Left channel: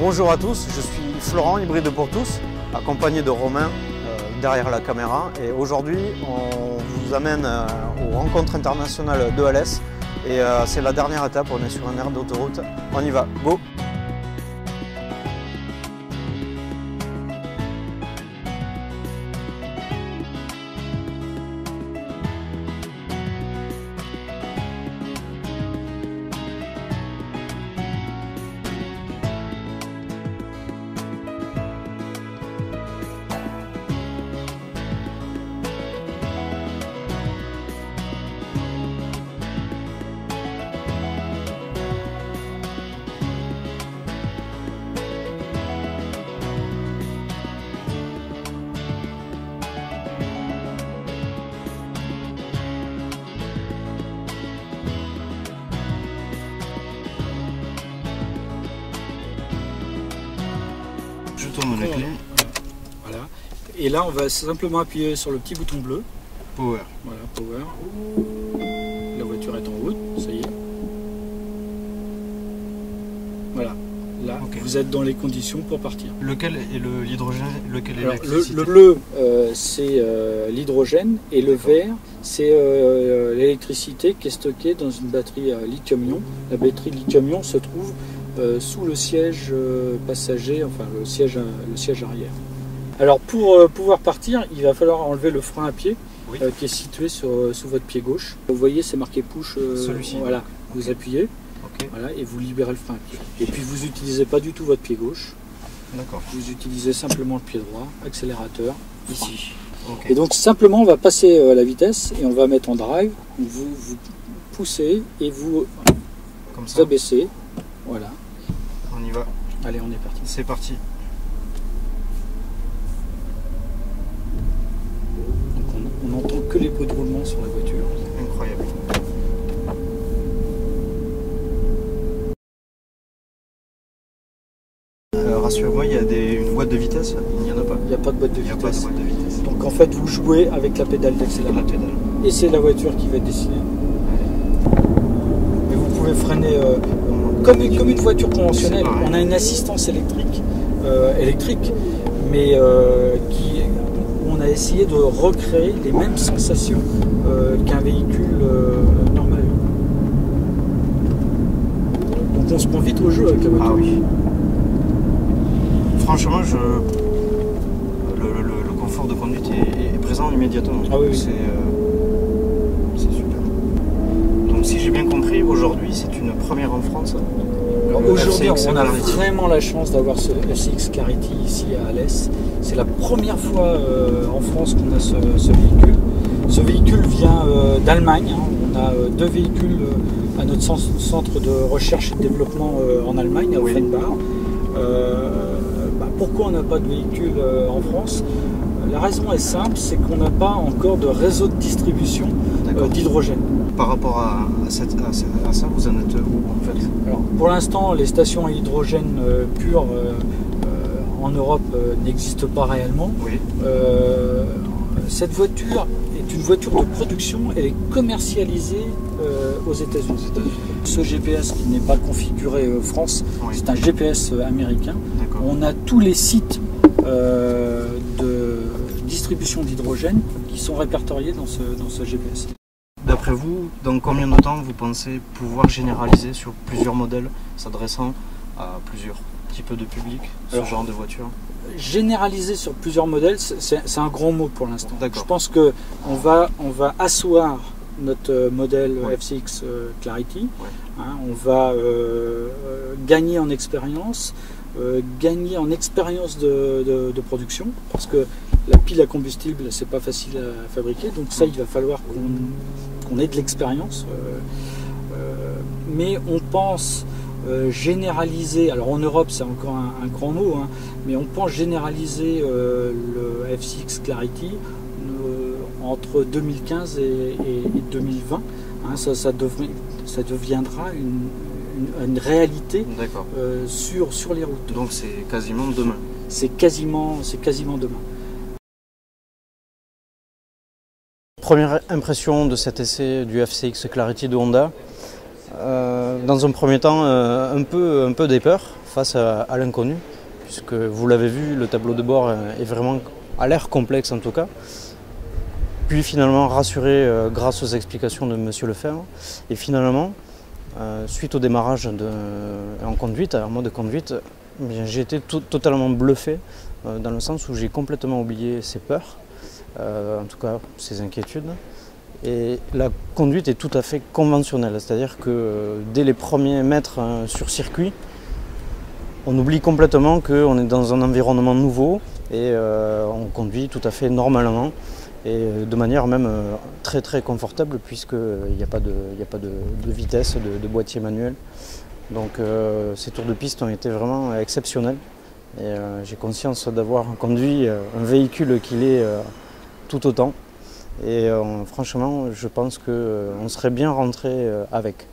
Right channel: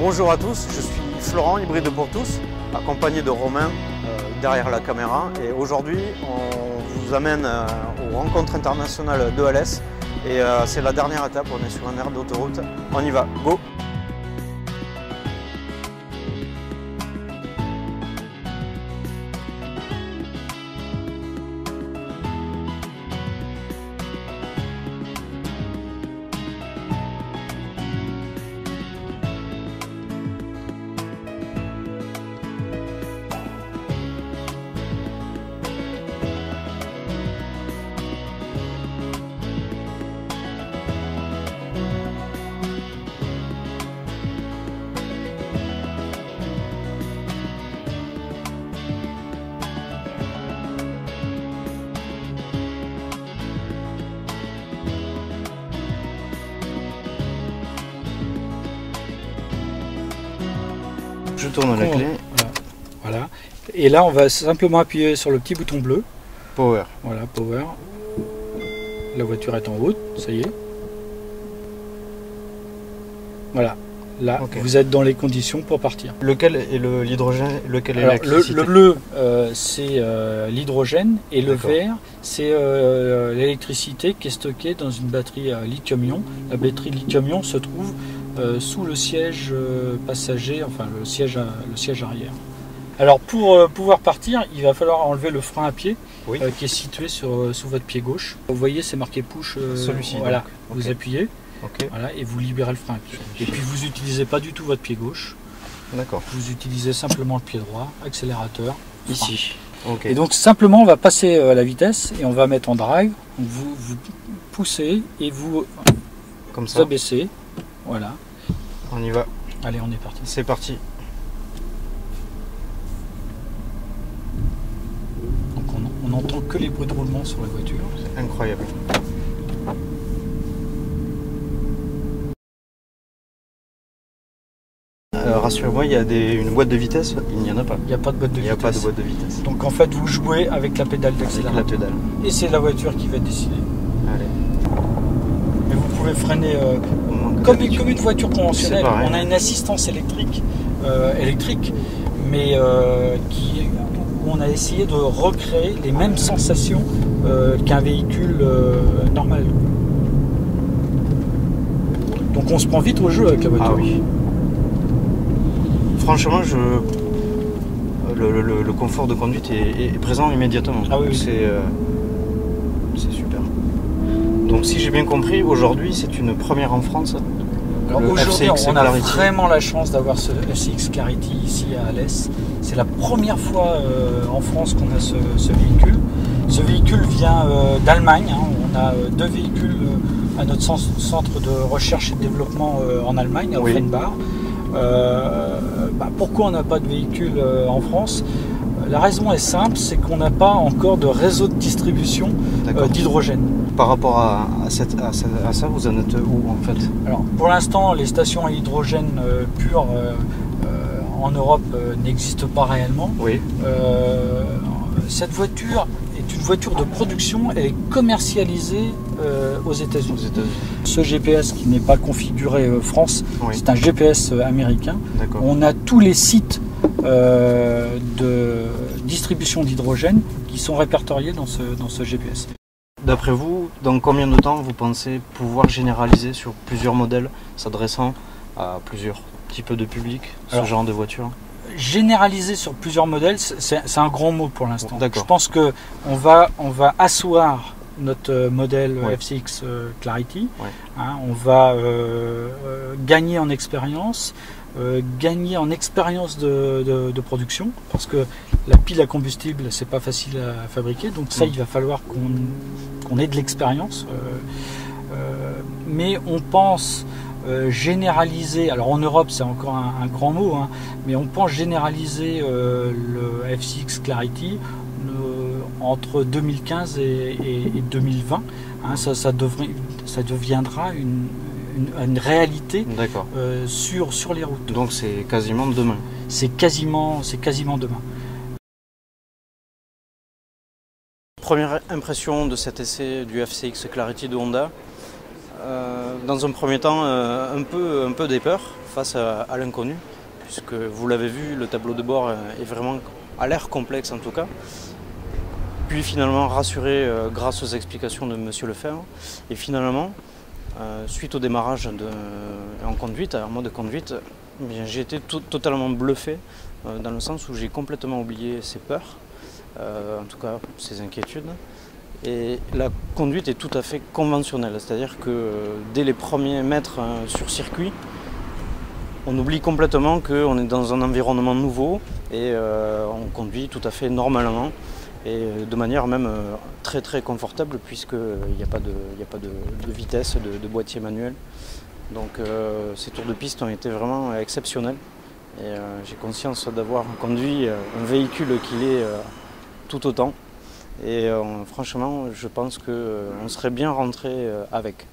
Bonjour à tous, je suis Florent, hybride pour tous, accompagné de Romain derrière la caméra. Et aujourd'hui, on vous amène aux rencontres internationales de Alès. Et c'est la dernière étape, on est sur une aire d'autoroute. On y va, go! Je tourne la clé. Voilà. Et là, on va simplement appuyer sur le petit bouton bleu. Power. Voilà, power. La voiture est en route, ça y est. Voilà. Là, okay. Vous êtes dans les conditions pour partir. Lequel est l'hydrogène, lequel est l'électricité? Le bleu, c'est l'hydrogène, et le vert, c'est l'électricité qui est stockée dans une batterie lithium-ion. La batterie lithium-ion se trouve sous le siège passager, enfin le siège arrière. Alors pour pouvoir partir, il va falloir enlever le frein à pied, oui, qui est situé sous votre pied gauche. Vous voyez, c'est marqué push. Celui-ci. Voilà, okay. Vous appuyez. Okay. Voilà, et vous libérez le frein à pied. Et puis vous n'utilisez pas du tout votre pied gauche. D'accord. Vous utilisez simplement le pied droit, accélérateur, ici. Okay. Et donc simplement on va passer à la vitesse et on va mettre en drive. Vous poussez et vous comme ça. Abaissez. Voilà. On y va. Allez, on est parti. C'est parti. Donc on n'entend que les bruits de roulement sur la voiture. C'est incroyable. Rassurez-moi, il y a une boîte de vitesse? Il n'y en a pas. Il n'y a pas de boîte de vitesse. Il n'y a pas de boîte de vitesse. Donc en fait, vous jouez avec la pédale d'accélérateur. Et c'est la voiture qui va décider. Allez. Mais vous pouvez freiner comme une voiture conventionnelle. On a une assistance électrique, mais où on a essayé de recréer les mêmes sensations qu'un véhicule normal. Donc on se prend vite au jeu avec la voiture. Ah oui. Franchement, le confort de conduite est présent immédiatement. Ah oui, oui. C'est super. Donc si j'ai bien compris, aujourd'hui c'est une première en France. Alors aujourd'hui, on a vraiment la chance d'avoir ce FCX Clarity ici à Alès. C'est la première fois en France qu'on a ce véhicule. Ce véhicule vient d'Allemagne. Hein. On a deux véhicules à notre centre de recherche et de développement en Allemagne, à Offenbach. Pourquoi on n'a pas de véhicule en France? La raison est simple, c'est qu'on n'a pas encore de réseau de distribution d'hydrogène. Par rapport à ça, vous en êtes où en fait? Alors, pour l'instant, les stations à hydrogène pur en Europe n'existent pas réellement. Oui. Cette voiture est une voiture de production, elle est commercialisée aux États-Unis. Ce GPS qui n'est pas configuré France, oui, c'est un GPS américain. On a tous les sites de distribution d'hydrogène qui sont répertoriés dans ce GPS. D'après vous, dans combien de temps vous pensez pouvoir généraliser sur plusieurs modèles s'adressant à plusieurs types de public, ce genre de voiture? Généraliser sur plusieurs modèles, c'est un grand mot pour l'instant. Je pense qu'on va asseoir notre modèle FCX Clarity. Hein, on va gagner en expérience, de production, parce que la pile à combustible, c'est pas facile à fabriquer, donc ça, il va falloir qu'on ait de l'expérience. Mais on pense généraliser, alors en Europe c'est encore un grand mot, hein, mais on pense généraliser le FCX Clarity entre 2015 et 2020. Hein, ça deviendra une réalité sur les routes. Donc c'est quasiment demain. C'est quasiment demain. Première impression de cet essai du FCX Clarity de Honda. Dans un premier temps, un peu des peurs face à l'inconnu, puisque vous l'avez vu, le tableau de bord est vraiment, a l'air complexe en tout cas. Puis finalement rassuré grâce aux explications de M. Lefebvre. Et finalement, suite au démarrage en conduite, en mode conduite, j'ai été totalement bluffé dans le sens où j'ai complètement oublié ses peurs, en tout cas ses inquiétudes. Et la conduite est tout à fait conventionnelle, c'est-à-dire que dès les premiers mètres sur circuit, on oublie complètement qu'on est dans un environnement nouveau et on conduit tout à fait normalement. Et de manière même très très confortable puisqu'il n'y a pas de vitesse, de boîtier manuel. Donc ces tours de piste ont été vraiment exceptionnels. Et j'ai conscience d'avoir conduit un véhicule qui l'est tout autant. Et franchement, je pense qu'on serait bien rentré avec.